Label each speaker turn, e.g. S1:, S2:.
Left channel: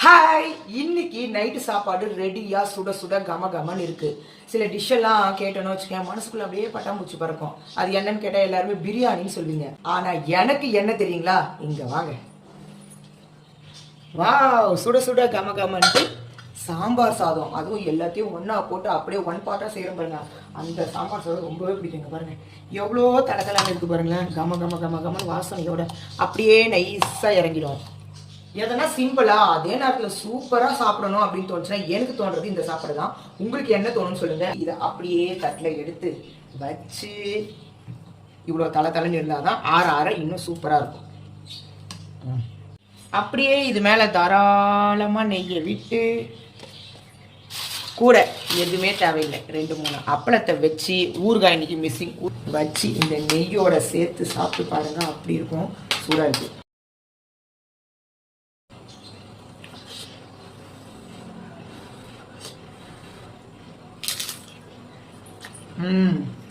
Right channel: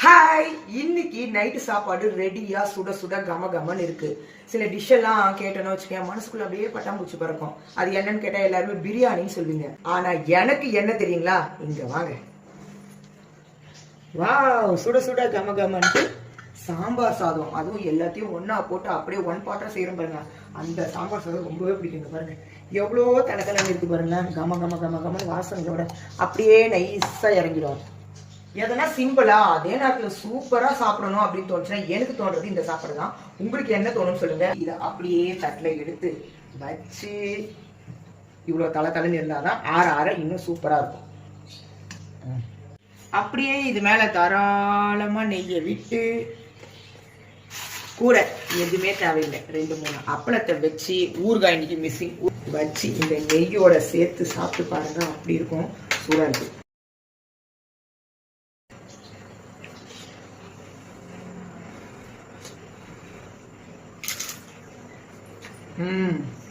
S1: Hi இன்னைக்கு night சாப்பாடு ரெடியா சுட சுட கம கமன்னு இருக்கு. சில டிஷ் எல்லாம் கேட்டோன்னு வச்சுக்கேன் மனசுக்குள்ள அப்படியே பட்டாம்பூச்சி பறக்கும். அது என்னன்னு கேட்டா எல்லாருமே பிரியாணின்னு சொல்லுவீங்க. ஆனா எனக்கு என்ன தெரியுங்களா? இங்க வாங்க. வாவ் சுட சுட கம கமன்ட்டு சாம்பார் சாதம். அதுவும் எல்லாத்தையும் ஒன்றா போட்டு அப்படியே ஒன் பார்ட்டாக செய்கிறோம் பாருங்க. அந்த சாம்பார் சாதம் ரொம்பவே பிடிக்குங்க பாருங்க. எவ்வளோ கலக்கலாங்க இருக்கு பாருங்களேன். கம கம கம கமன்னு வாசனையோட அப்படியே நைஸாக இறங்கிடும். எதனா சிம்பிளா அதே நேரத்தில் சூப்பரா சாப்பிடணும் அப்படின்னு தோணுச்சுன்னா எனக்கு தோன்றது இந்த சாப்பாடு தான். உங்களுக்கு என்ன தோணும்னு சொல்லுங்க. இதை அப்படியே தட்டில் எடுத்து வச்சு இவ்வளோ தலை தலைன்னு இருந்தால் தான் ஆற ஆற இன்னும் சூப்பராக இருக்கும். அப்படியே இது மேலே தாராளமாக நெய்யை விட்டு கூட எதுவுமே தேவையில்லை. ரெண்டு மூணு அப்பளத்தை வச்சு ஊறுகாய் இன்னைக்கு மிஸ்ஸிங் வச்சு இந்த நெய்யோட சேர்த்து சாப்பிட்டு பாருங்க அப்படி இருக்கும். சூடாக இருக்கு. 嗯。